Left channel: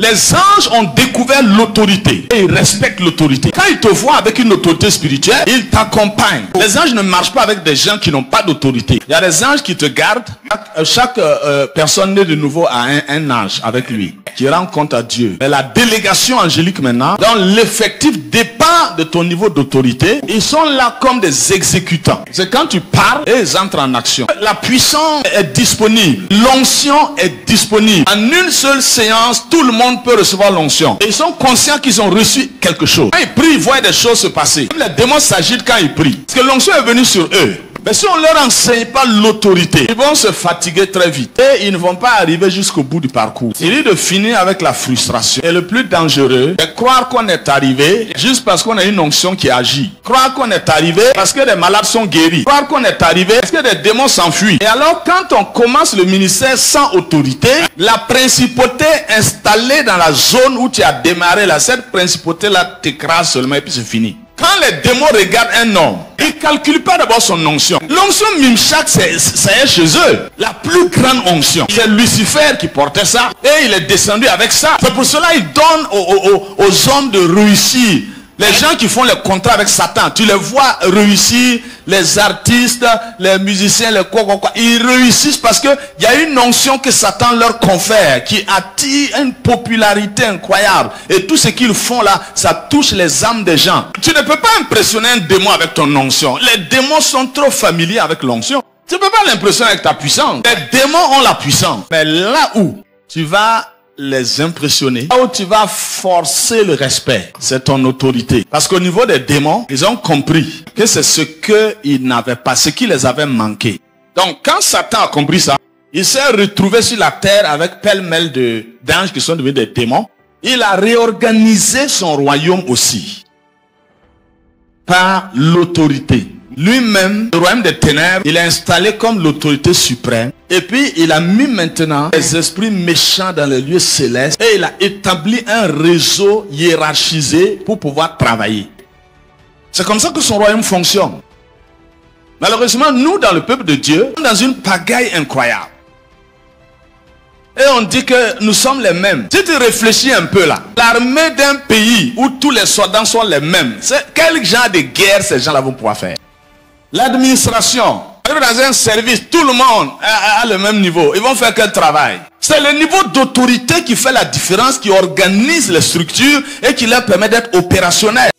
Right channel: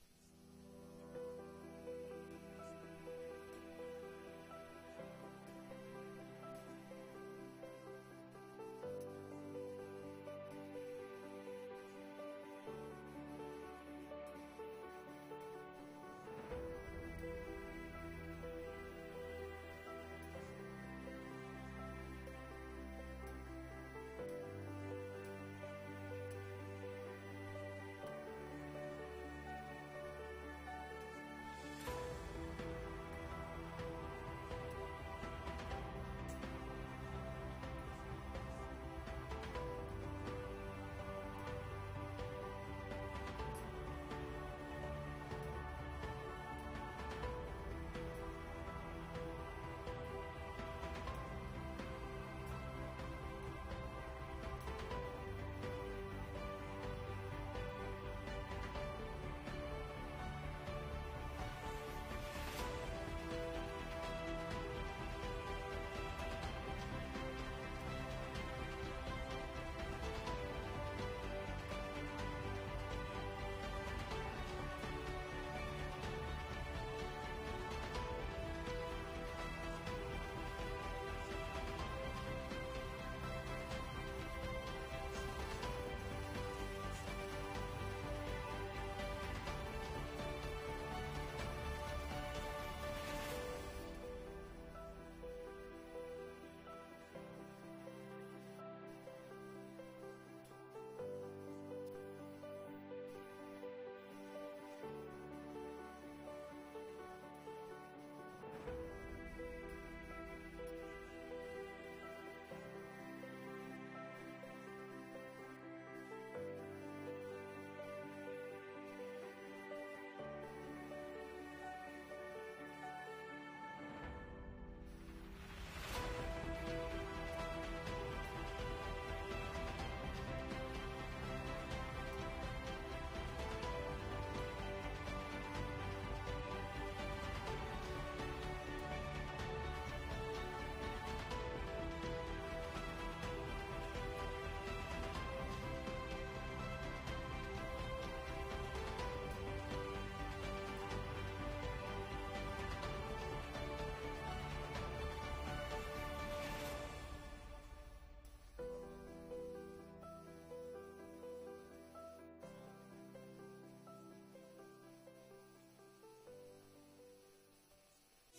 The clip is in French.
Les anges ont découvert l'autorité et ils respectent l'autorité. Quand ils te voient avec une autorité spirituelle, ils t'accompagnent. Les anges ne marchent pas avec des gens qui n'ont pas d'autorité. Il y a des anges qui te gardent. Chaque personne née de nouveau a un ange avec lui qui rend compte à Dieu. Mais la délégation angélique maintenant, dont l'effectif dépend de ton niveau d'autorité, ils sont là comme des exécutants. C'est quand tu parles et ils entrent en action. La puissance est disponible. L'onction est disponible. En une seule séance, tout le monde peut recevoir l'onction. Et ils sont conscients qu'ils ont reçu quelque chose. Quand ils prient, ils voient des choses se passer. Même les démons s'agitent quand ils prient. Parce que l'onction est venue sur eux. Mais si on ne leur enseigne pas l'autorité, ils vont se fatiguer très vite. Et ils ne vont pas arriver jusqu'au bout du parcours. Il est de finir avec la frustration. Et le plus dangereux, c'est croire qu'on est arrivé juste parce qu'on a une onction qui agit. Croire qu'on est arrivé parce que des malades sont guéris. Croire qu'on est arrivé parce que des démons s'enfuient. Et alors quand on commence le ministère sans autorité, la principauté installée dans la zone où tu as démarré, là, cette principauté-là t'écrase seulement et puis c'est fini. Quand les démons regardent un homme, ils ne calculent pas d'abord son onction. L'onction Mimshak, c'est chez eux. La plus grande onction. C'est Lucifer qui portait ça. Et il est descendu avec ça. C'est pour cela qu'il donne aux hommes de réussir. Les gens qui font les contrats avec Satan, tu les vois réussir, les artistes, les musiciens, les quoi. Ils réussissent parce qu'il y a une onction que Satan leur confère, qui attire une popularité incroyable. Et tout ce qu'ils font là, ça touche les âmes des gens. Tu ne peux pas impressionner un démon avec ton onction. Les démons sont trop familiers avec l'onction. Tu ne peux pas l'impressionner avec ta puissance. Les démons ont la puissance. Mais là où tu vas les impressionner, là où tu vas forcer le respect, c'est ton autorité. Parce qu'au niveau des démons, ils ont compris que c'est ce qu'ils n'avaient pas, ce qui les avait manqué. Donc quand Satan a compris ça, il s'est retrouvé sur la terre avec pêle-mêle d'anges qui sont devenus des démons. Il a réorganisé son royaume aussi par l'autorité. Lui-même, le royaume des ténèbres, il est installé comme l'autorité suprême. Et puis, il a mis maintenant les esprits méchants dans les lieux célestes. Et il a établi un réseau hiérarchisé pour pouvoir travailler. C'est comme ça que son royaume fonctionne. Malheureusement, nous, dans le peuple de Dieu, nous sommes dans une pagaille incroyable. Et on dit que nous sommes les mêmes. Si tu réfléchis un peu là, l'armée d'un pays où tous les soldats sont les mêmes, quel genre de guerre ces gens-là vont pouvoir faire? L'administration, dans un service, tout le monde a le même niveau. Ils vont faire quel travail? C'est le niveau d'autorité qui fait la différence, qui organise les structures et qui leur permet d'être opérationnels.